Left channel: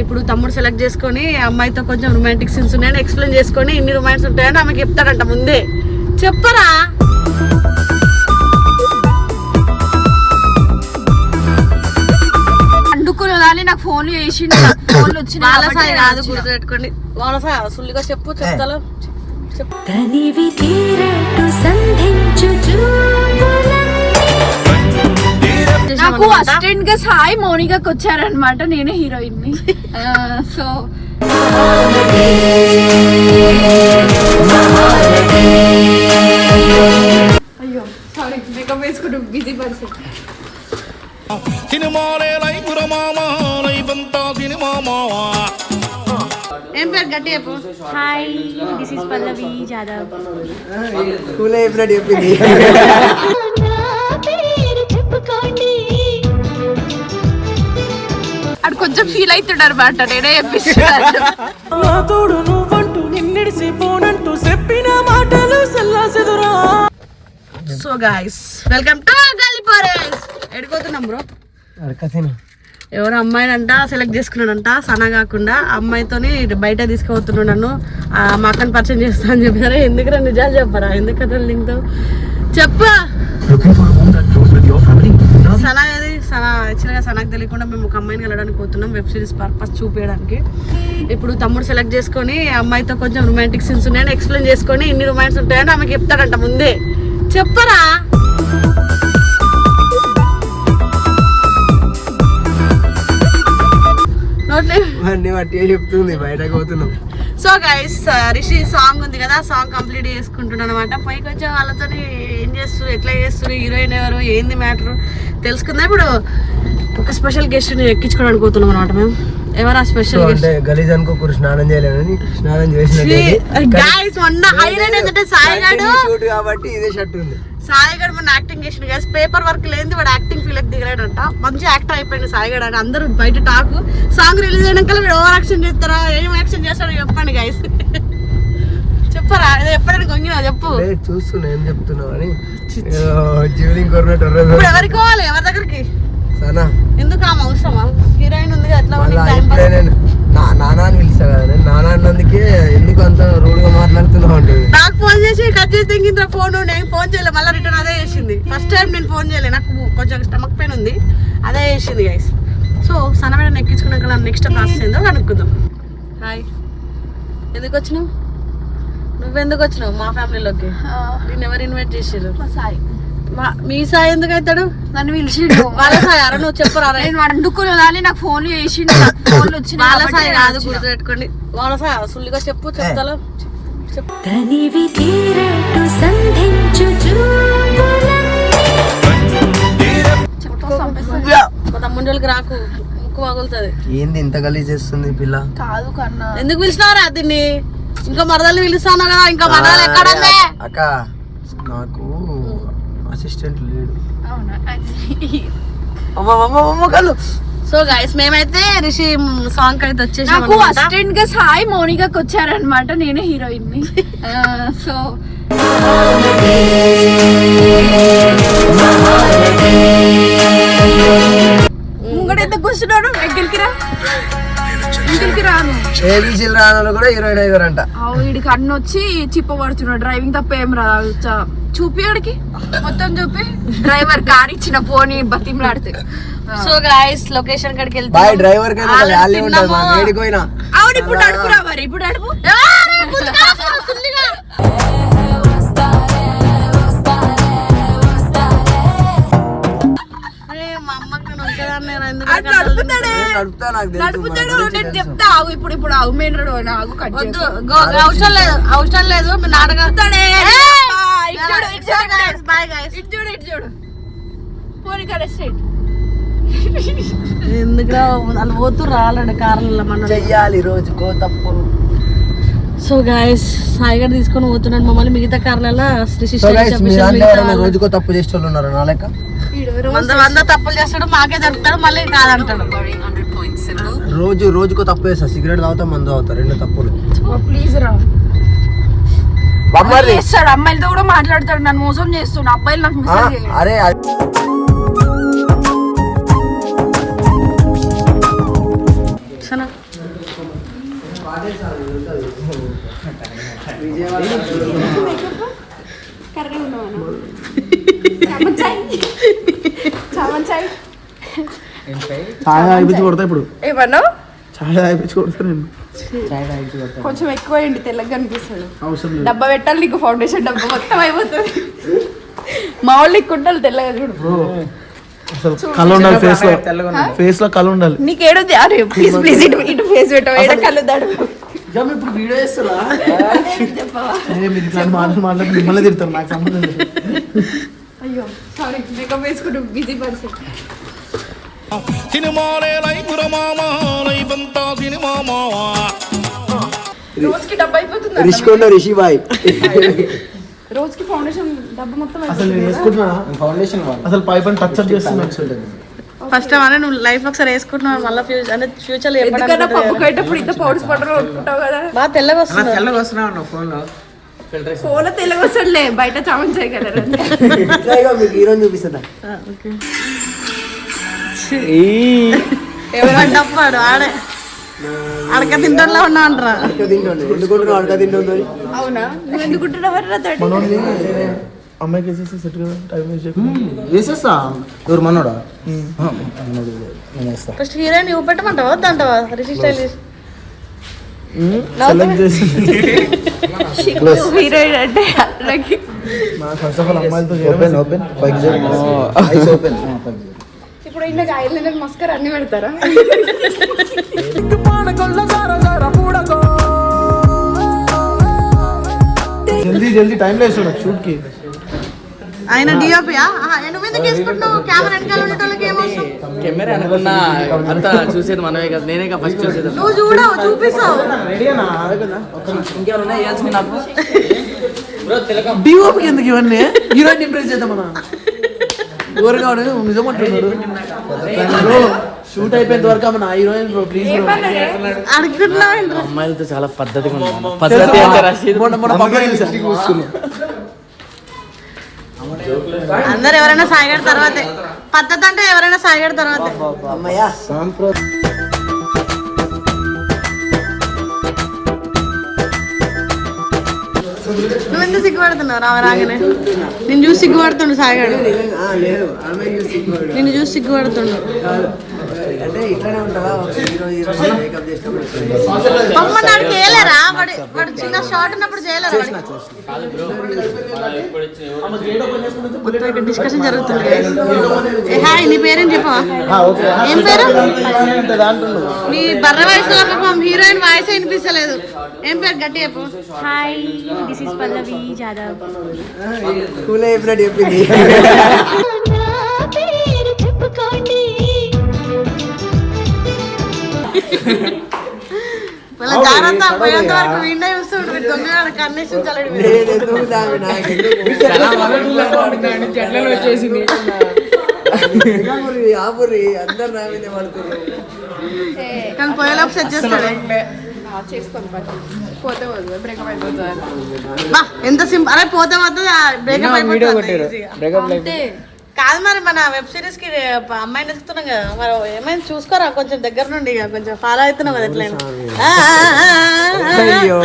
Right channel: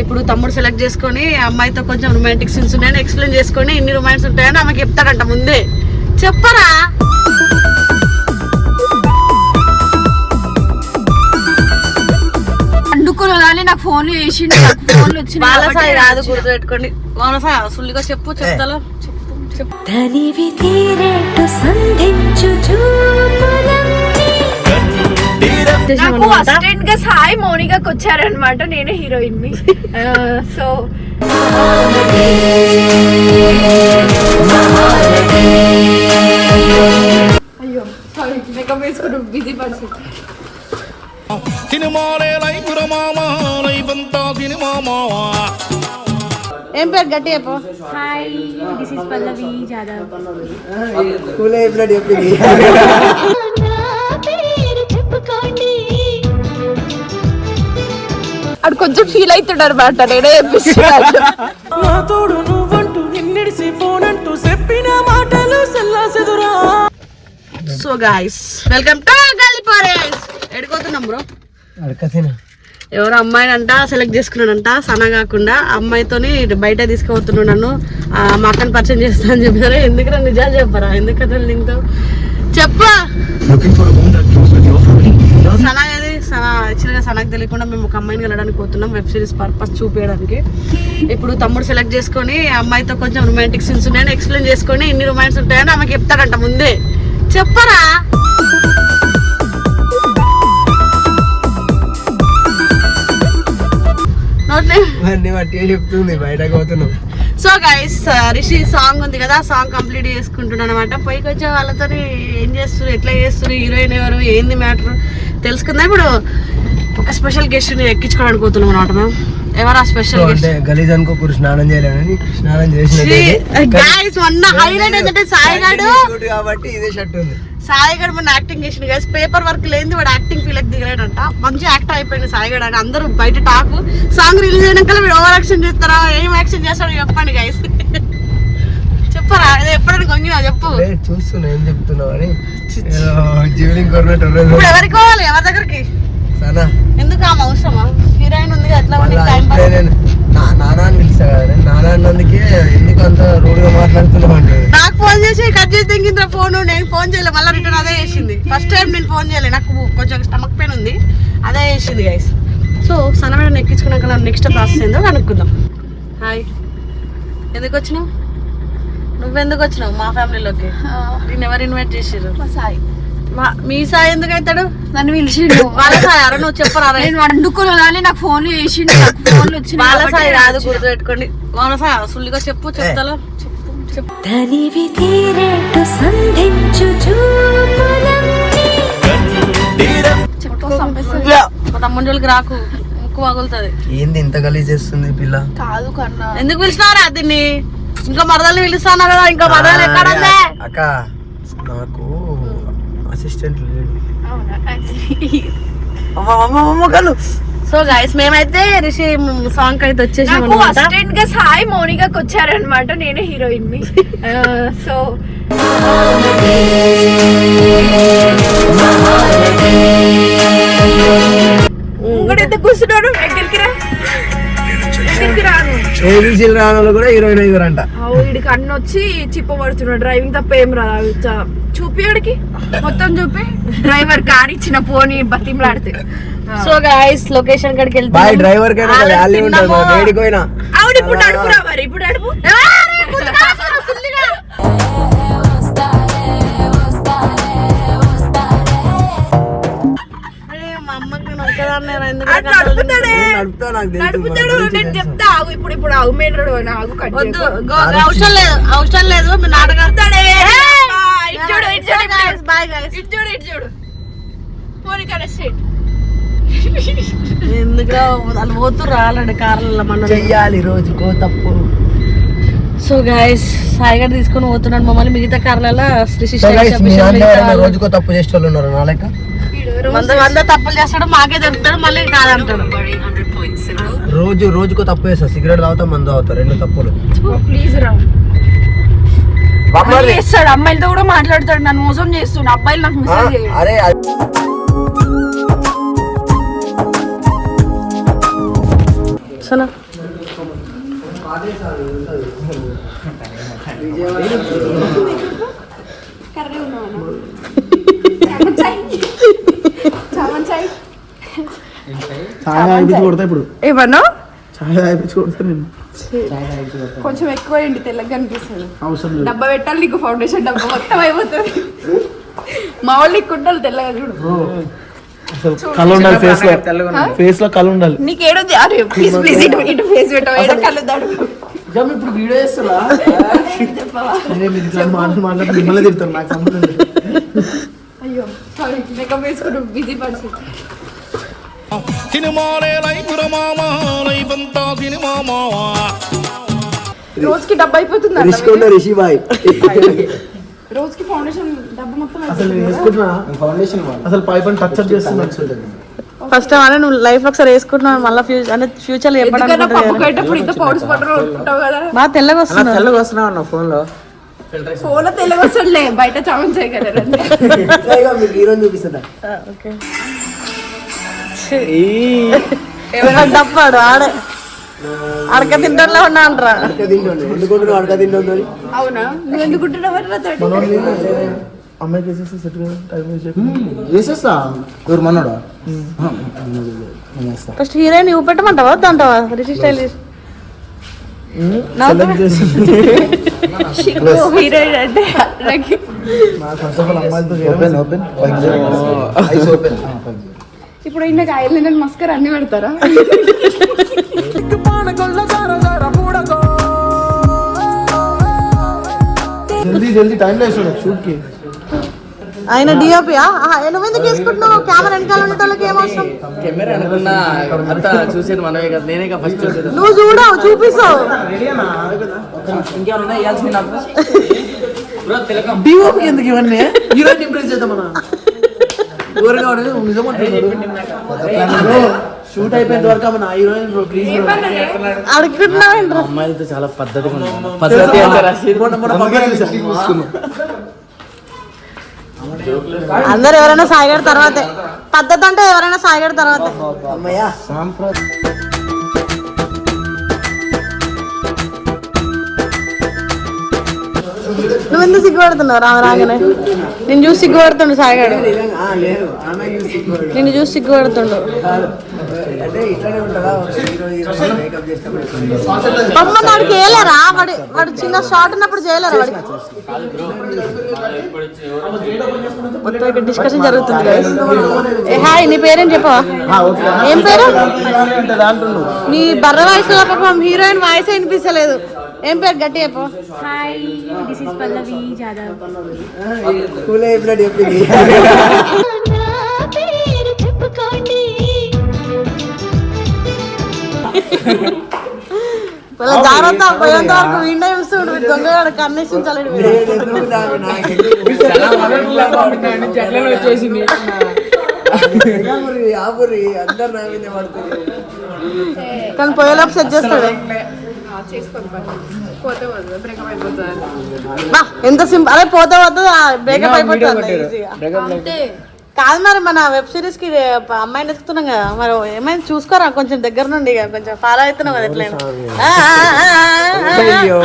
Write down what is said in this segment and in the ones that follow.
ఇప్పుడు తమ్ముడు సెలెక్ట్ చేసుకొని అమ్మాయితో కొంచెం రొమాంటిక్ సీన్స్ ఉన్నాయని ఎక్స్ప్లెయిన్ చేసుకొని ఎన్ని రొమాన్స్ ఉంటాయని ఆమెకి చెప్తాడంట ముందే. చెప్పరా? అందుకున్న కానీ నాకు ఫోన్లు చేసిండు నాకు ఫోన్లు వచ్చినాయి బాలసాయి కాదు గుర్తు పెట్టుకోండి మౌనసాయి సుల్లిగా చెప్పు చెప్తాలో? చెప్పు చెప్పు. సంధించు నాకు అసిస్టెంట్గా సాయి మౌనికకి వచ్చారనమాట నేనే హీరోయిన్ని సో అయ్యో సారీ మేకప్ వేసుకుంటూ బిజీ పర్సన్ సినిమాలే లైఫ్ రమామా లైఫ్ అంతా సినిమా మావా. ఏం పేరు గట్టి చెప్పు. Hi this is Pallavi Jadhav. School అయిపోయినట్టు చెప్పింది. కొంచెం ఫీల్ అవుతుండ అనమాట నేనే చెప్పిస్తున్నాను నా తోడు నువ్వంటూ నిన్నిడిసి పోనంటూ చెప్పిన మాటలు సెల్లాసెదురా సో గాయస్ వెల్కమ్ టు గల్లిపారేస్ ఎడిపోతున్నాం బ్రో అరకతిన. ఎవరు అమ్మాయినంట సెలెక్ట్ చేసుకున్నాడంట సన కాకుండా అమ్మాయితోని ఇటు బయట తీసుకుపోతున్నాడు నన్ను. ఆ, మా అక్కని పరిచయం చేస్తా అని చెప్పారా. ఎందుకు నన్ను నిజాలు చెప్పరా? ఎందుకు కథలు నీతో చెప్పు. సనకు తెలియకుండా మేము ఒక అమ్మాయిని వెళ్ళడానికి పోతున్నాం. వెబ్ సిరీస్ పర్పస్ చూపించడానికి ఇప్పుడు తమ్ముడు సెలెక్ట్ చేసుకొని అమ్మాయితో కొంచెం రొమాంటిక్ సీన్స్ ఉన్నాయని ఎక్స్ప్లెయిన్ చేసుకొని ఇన్ని రొమాన్స్ ఉంటాయని ఆమెకి చెప్తాడంట ముందే. చెప్పరా? చెప్తుంది బయటకు సో గైస్ రిషి సాంగ్ ఉంది కదా సాంగ్ కంప్లీట్ చేసుకుంటున్నాను అనమాట పైకి వచ్చే వాళ్ళతో ఏం చేస్తారు ఎట్లా చేస్తారు హీరోయిన్ ఎవరు ఏంది మ్యాటర్ తెలుసుకుందా ఇప్పుడు. స్పెషల్ గెస్ట్ని ఎక్కించుకోవడానికి పోతున్నాం అనమాట ఎవరు స్పెషల్ అంటే గలీజ్ అనుకోకూరు స్నానం చేయలేమని స్నానం చేసినట్టు మొన్న హైలైట్ ఏంటంటే సాయిగాడు కాబట్టి ఇదే షర్ట్ ఉంది. సాయిగాడు మొన్న యాక్టింగ్ చేసిన గైస్ పేపర్ వర్క్ లేని వాడు యాక్టింగ్ ఫీల్ దిగలేడంట. మంచి యాక్టర్ అయిపోయింది సాయిగాడు అని అందరూ బయట టాక్ సాంగ్ రిలీజ్ అయినాక వీడు ఓవర్ యాక్షన్ చేస్తారా? ఏం యాక్షన్ చేస్తారో చెప్పండి గైస్ చెప్పరా? అది కొంగినా చెప్పు. చూస్తున్నా ఏం చెప్తున్నావు అని. జీవలింగ్ ఇప్పుడు ఎవరికి ఎవరి దగ్గరికి? ఎందుకు ఆమె అవసరమా? హీరోయిన్ ఉంది కదా ఎట్లా మళ్ళీ ఉంది టైం ఇప్పుడే నేను నా- నానా అని పిలుస్తా కదా నేను నానా అన్నందుకే ఎందుకు అంత రూడ్గా మాట్లాడుతున్నావు ఉంటుంది నాకు ఫోన్ చేసి కట్ చేసి తెగింది ఫోన్ నేను ఫోన్ చేయలేదు మళ్ళీ రిటర్న్ అదే చేసింది. ఫస్ట్ టైం నేను ఫోన్ చేయలేదు నాకు కొంచెం స్టమక్ పెయిన్ ఉంది అదే చేసింది గైస్ సో సన్నమైన ఎక్కించుకున్నాక నెక్స్ట్ ప్రాసెస్ ఏందో కనుక్కుందాం. హాయ్ ఎందుకు వచ్చినావు? నువ్వెందుకు వచ్చినావు మా ఫ్యామిలీలోకి నేను ఎవరు ఇన్వైట్ చేసారు సాయి. మా- మీ సాయి ఎందుకు అవుతాడు? నన్ను పిలిచిండు. వాళ్ళ సాయి అరే నువ్వు చెప్పరా. నేను వండుకున్న కానీ నాకు ఫోన్లు చేసిండు. నాకు ఫోన్లు వచ్చినాయి వాళ్ళ సాయి కాదు గుర్తు పెట్టుకోండి మౌన సాయి సుల్లిగా చెప్పు చెప్తాలో? తనివి తీరేటు సంధించు చూపులన్నీ. రాకు. ముక్కు పగులుతుంది ఏంది ఇంత గలీజ్ చేస్తుంది పిల్ల? కాదు కన్నా. ఎందుకు పిలిచినారా దీన్ని? ఇంకా మరదలు పిలుస్తాను కదా ఇంకా మరదలు ఎక్కడ అక్క నాకు అసిస్టెంట్ లేడు. అవునా? అమ్మ అమ్మ అమ్మ కాదు. సో గైస్ మేమైతే రిషి సాంగ్ అయితే వచ్చేసాం అసిస్టెంట్గా సాయి మౌనికకి వచ్చారనమాట నేనే హీరోయిన్ని సో ఇంకోటి కూర్చున్నాడు. ఎక్కడికి రా? ఎక్కడికి రాను. కూడా ఐదు అంట వీడికి అన్ని వచ్చి చిప్పబడుతున్నాడు. డ్రైవింగ్ తప్ప ఏం రా చ- చూపి ఆడికి. మొత్తం చూపి. డ్రైవర్ కార్ ఇచ్చిన పోనీ బతిమలాడితే. సో గైస్ లొకేషన్ కాడికి వెళ్తాం డ్రైవర్ కైనా ఒక వాల్యూ ఉంటుంది పోయినా. ఇప్పుడు అడుపు రా మరి ఇప్పుడు అడుపు నడుపుతా నాకు నడుపుతాడు నేను. చెప్తా ఆగు ఇప్పుడు ఇప్పుడు ఆగు మెయిన్ రోడ్ ఆగు కట్ వద్దు గో- అవసరం లేదు అవసరం లేదు మీ నాటకం బాయ్ గైస్ ఇటు చూడు. ఇటు చూడు పోనీ కరెక్ట్ ఎందుకురా వాళ్ళు పోతుర్రు ఆల్రెడీ కార్లలో మన చెయ్యాలి రోజుకో తప్పు. సో గైస్ సాయి గారు తీసుకొని పోతున్నాడు మమ్మల్ని మిగతా కార్లలో రోజుకో తప్పు చేసే వాళ్ళు ఉన్నారు నా లెక్క? వంద వంద తప్పులు చేస్తాడు మాకే దొరుకుతాడు మళ్ళీ కాదంటాడు. రోజు రోజుకో తప్పు చేస్తా. సిగరెట్ తాగుతా మందు తాగుతా. రెండు తప్పులు. ప్లీజ్ రా. బొమ్మర్ది. చేస్తాడు? అమ్మాయిలతో కూడా మాట్లాడతాడు. నన్ను మోసం చేస్తుండు అబ్బాయిలు నాకు చేయడు. అరే కొడతా ఇప్పుడు. ఏమన్నా? ఛాయ్ ఆగిపించి కొడతా నేను. కొంచెం ఎక్కువ అయింది తెల్లగా అనిపిస్తుంది. అవసరం లేదు. డబ్బా పెట్టాలి నీకు ఫౌండేషన్ డబ్బా మొత్తం అయిపోతుంది. మా వాళ్ళు కుండలు తెల్లగా చూడు. బ్రో, అసలు కళ ఉండాలి ఫేస్లో. ఫేస్లో కళ ఉండాలి. నీకేడుంది అరే ప్లీజ్ ప్లీజ్ ఇటు ఇటు ఫేస్ పెట్టవా? కళ్ళు దాడు ఇప్పుడు వీడియో మాట్లాడి మిమ్మల్ని నాకు సంబంధం అయ్యో సారీ మేకప్ వేసుకుంటూ బిజీ పర్సన్ సినిమాలే లైఫ్ మామ లైఫ్ అంతా సినిమా మావా. రోజుకి డబ్బా అయిపోతుంది రిషి కొండ రిషి బాయ్. రోజుకి ఫౌండేషన్ డబ్బా మొత్తం అసలు? వేసుకుంటున్నా? ఫౌండేషన్ అసలు పై పని టచ్ అప్ చేస్తున్నా ఫస్ట్ టైం అనే నువ్వు లైఫ్ ఒకసారి వేసుకుంటున్నావు మళ్ళీ ఫ్యూచర్ అంటే ఫ్యూచర్లో ఎందుకన్నా పప్పు కట్టేప్పుడు ఇంత పౌడర్స్ పౌడర్ ఉంటావు కదా. తెల్లగా వస్తుంది? తెల్లగా వస్తున్నావు ఫోన్లో ఫోన్ తెల్లగా వస్తుందిలే బయట చామంచాయి కదా మీకు హీరోని చూపిస్తుందా ఓకే. డప్పాడు ఆడే. అడక తింటోళ్ళ ఉన్నా అంటారా అడక తింటుండే ఎందుకుంటున్నావు అడక తింటుంది అవునా? నువ్వు ఎందుకుంటున్నావు అమ్మాయికి వేసేసి సెట్ కదా టైం వేస్ట్ చేయకుండా. వేసేస్తా. ఎవరు మనోడా? ఫస్ట్ హీరోయిన్ చూపెట్టమంటావా వద్దంటావా? సెలెక్ట్ చేసి. హీరోయిన్ అంటే ఫస్ట్ ఆఫ్ ఆల్ అమ్మాయిలతో ఓపెన్ ఓపెన్ జల్దీ జల్దీ టైం లేదు చూడ షూట్కి ఆయన డిఓపియా నువ్వు ఎందుకు వేసుకుంటున్నావు కెమెరా వెనకాల ఉండేటోళ్ళకి ఏం అవసరం? కెమెరా అనుకున్నా అంతా చూసేది మనమే కదా. నేనే ఫస్ట్ చూసేది. నువ్వు చూడవు చూపిస్తావు. ఇంకేమైనా ఇవ్వాల్సింది నాకు? డిఓపి ఎందుకు ఇవన్నీ? హీరోయిన్ ఇంప్రెస్ చేద్దాం మనం ఊరగాడు నిజమంటున్నాడు షూట్ అయిపోయేంత వరకు మన హీరోయిన్ ప్లీజ్ ఏంట్రా? అమ్మాయిలతో చాలా పద్ధతిగా ఉంది పద్ధతి అంటే రషీద్. అందరు ఎవరైనా సాయిగడ తర్వాతే. పద్ధతి అంటే ఎవరైనా సాయిగడ తర్వాతే. అమ్మయ్యా. నువ్వు ఎందుకు సిగ్గుపడుతున్నావు రామ రాగానే? నేను చూసి సిగ్గుపడుతుండు సాయిగాడు. నిన్ను చూసి సిగ్గుపడుతుండు. అమ్మ నాడికి వేయలేరా వాడు వాడు చిన్న షార్ట్ ఉన్నప్పుడు చేయలేరా మొత్తం ఇక్కడ డిస్కషన్ జరుగుతుంది హాయ్ నీ పేరేం చెప్పవా? ఏం పేరు? నీ బర్ర వయసులో ఒక హీరోయిన్ వాయిస్ వినిపిస్తలేదు. ఏం పేరు గట్టి చెప్పు. Hi this is Pallavi Jadhav school అయిపోయినట్టు చెప్పింది. వాళ్ళ జాగ్రత్త పోయేంత వరకు విండే చూస్తుండ్రు దొంగ? వచ్చేసింది. ఆపురి, అందరు నా మీదే పడుతున్నారు కానీ పోయేలోపు సెట్ చేస్తాడు ఎంత సింపుల్ అదే పోతే పోతే బ్రేకప్ అయిపోతుంది కాదు మరి మన వెబ్ సిరీస్కి అమ్మాయిని ఎత్తుకున్నాం కదా మరి ఏమైనా చూసుకోరా? కొంచెం దగ్గర నుండి ఇక కొంచెం ఫాలో అవుతున్నాం కదా ఎట్లయినా. ఆ, ఆ, ఆ, ఆ, ఆ. అయ్యో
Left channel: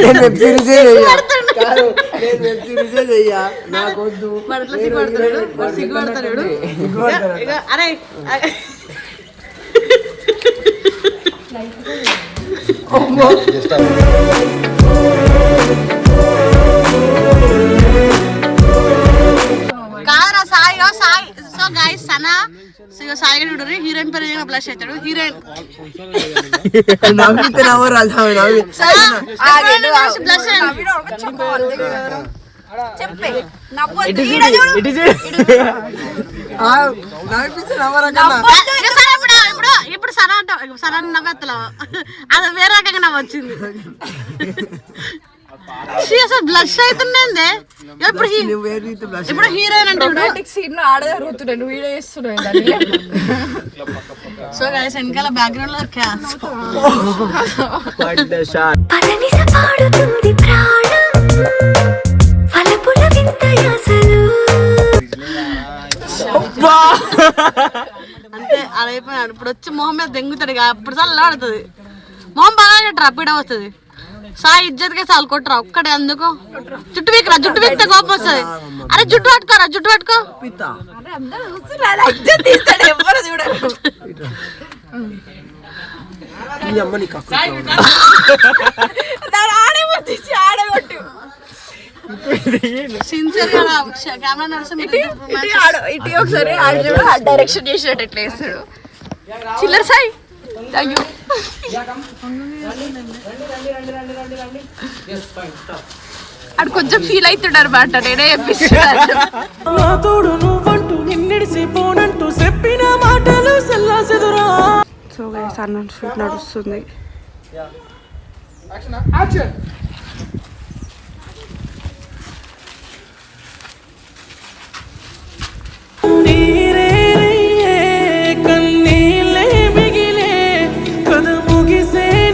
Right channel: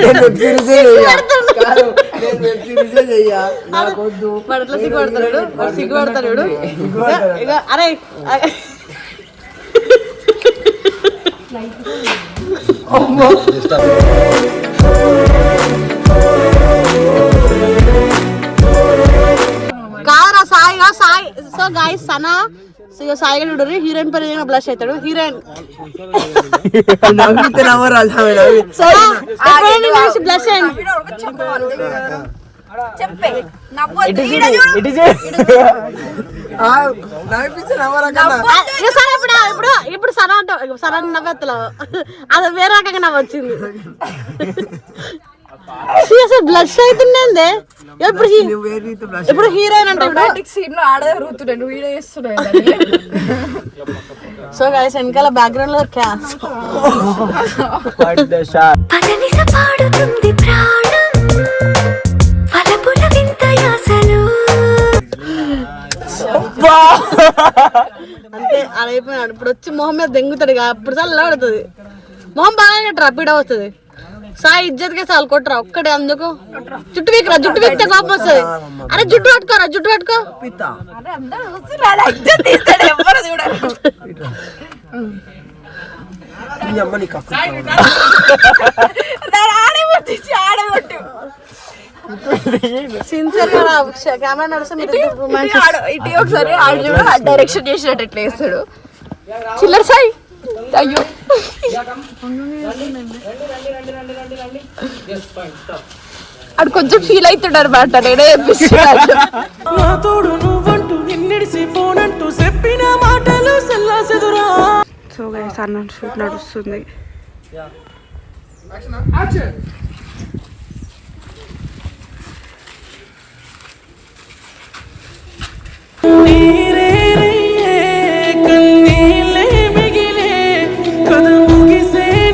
నేను వెబ్ సిరీసే చెయ్యా కాదు, నేను వెబ్ సిరీసే చెయ్యా నాకొద్దు వాడు ఎట్లా సిగ్గుపడతాడు వాడు సిగ్గుపడతాడు ఇక- ఇక అరే అరే. కాదురా Sai Sai. So guys Sana so Sai గారు చూడరు హీరోయిన్ పేరు బ్లష్ అవుతాడు హీరోయిన్. నవ్వితే నవ్వరాదు ఆమె నవ్వి. బ్లష్ చెప్పే నవ్వు సరే ఇప్పుడు ఇప్పుడు ఇప్పుడు సనా అంటావు. సనా నవ్వెత్తలో. అది వేరే రకంగా నవ్వు వచ్చింది ఛీ, అసలు బ్లష్ అవుతుండే blush ఇప్పుడు హీరోయిన్ అంటే సీన్లో వీడియో సో గైస్ వెనకాల బ్యాక్గ్రౌండ్లో క్యా అంతే అలా అయిపోయినాడు ఇప్పుడు వచ్చి మొహం మీద దెంగుతాడు ఇక అప్పుడు చల్లాడుతుంది మొహం బాగా కట్టరా పీడ వస్తుంది. సాయి ఇజ్జత్కే చాలు కొట్టరా ఒక్కడే అందుకు? జుట్టు వీకరా జుట్టు వీక్తే కోపం వస్తుంది. అరే జుట్టు పట్టుకోరా జుట్టు పట్టుకో. ఆడే పట్టించి ఆడే కొట్టు. సిన్సియర్గా కెమెరా ఇటు ఒకసారి ఆడు చూడు ఆ డైరెక్షన్ చేసినట్టు ఎట్లా వేస్తాడు. చిల్లర సాయి. అయ్యో ఆడు కొంచెం ఫీల్ అవుతున్నాడు అనమాట నేనే తోడు నువ్వంటూ నిన్నిడిసి పోనంటూ చెప్పిన మాటలు సెల్లాసెదురా సో గైస్ అన్న షూట్ నడుస్తుంది.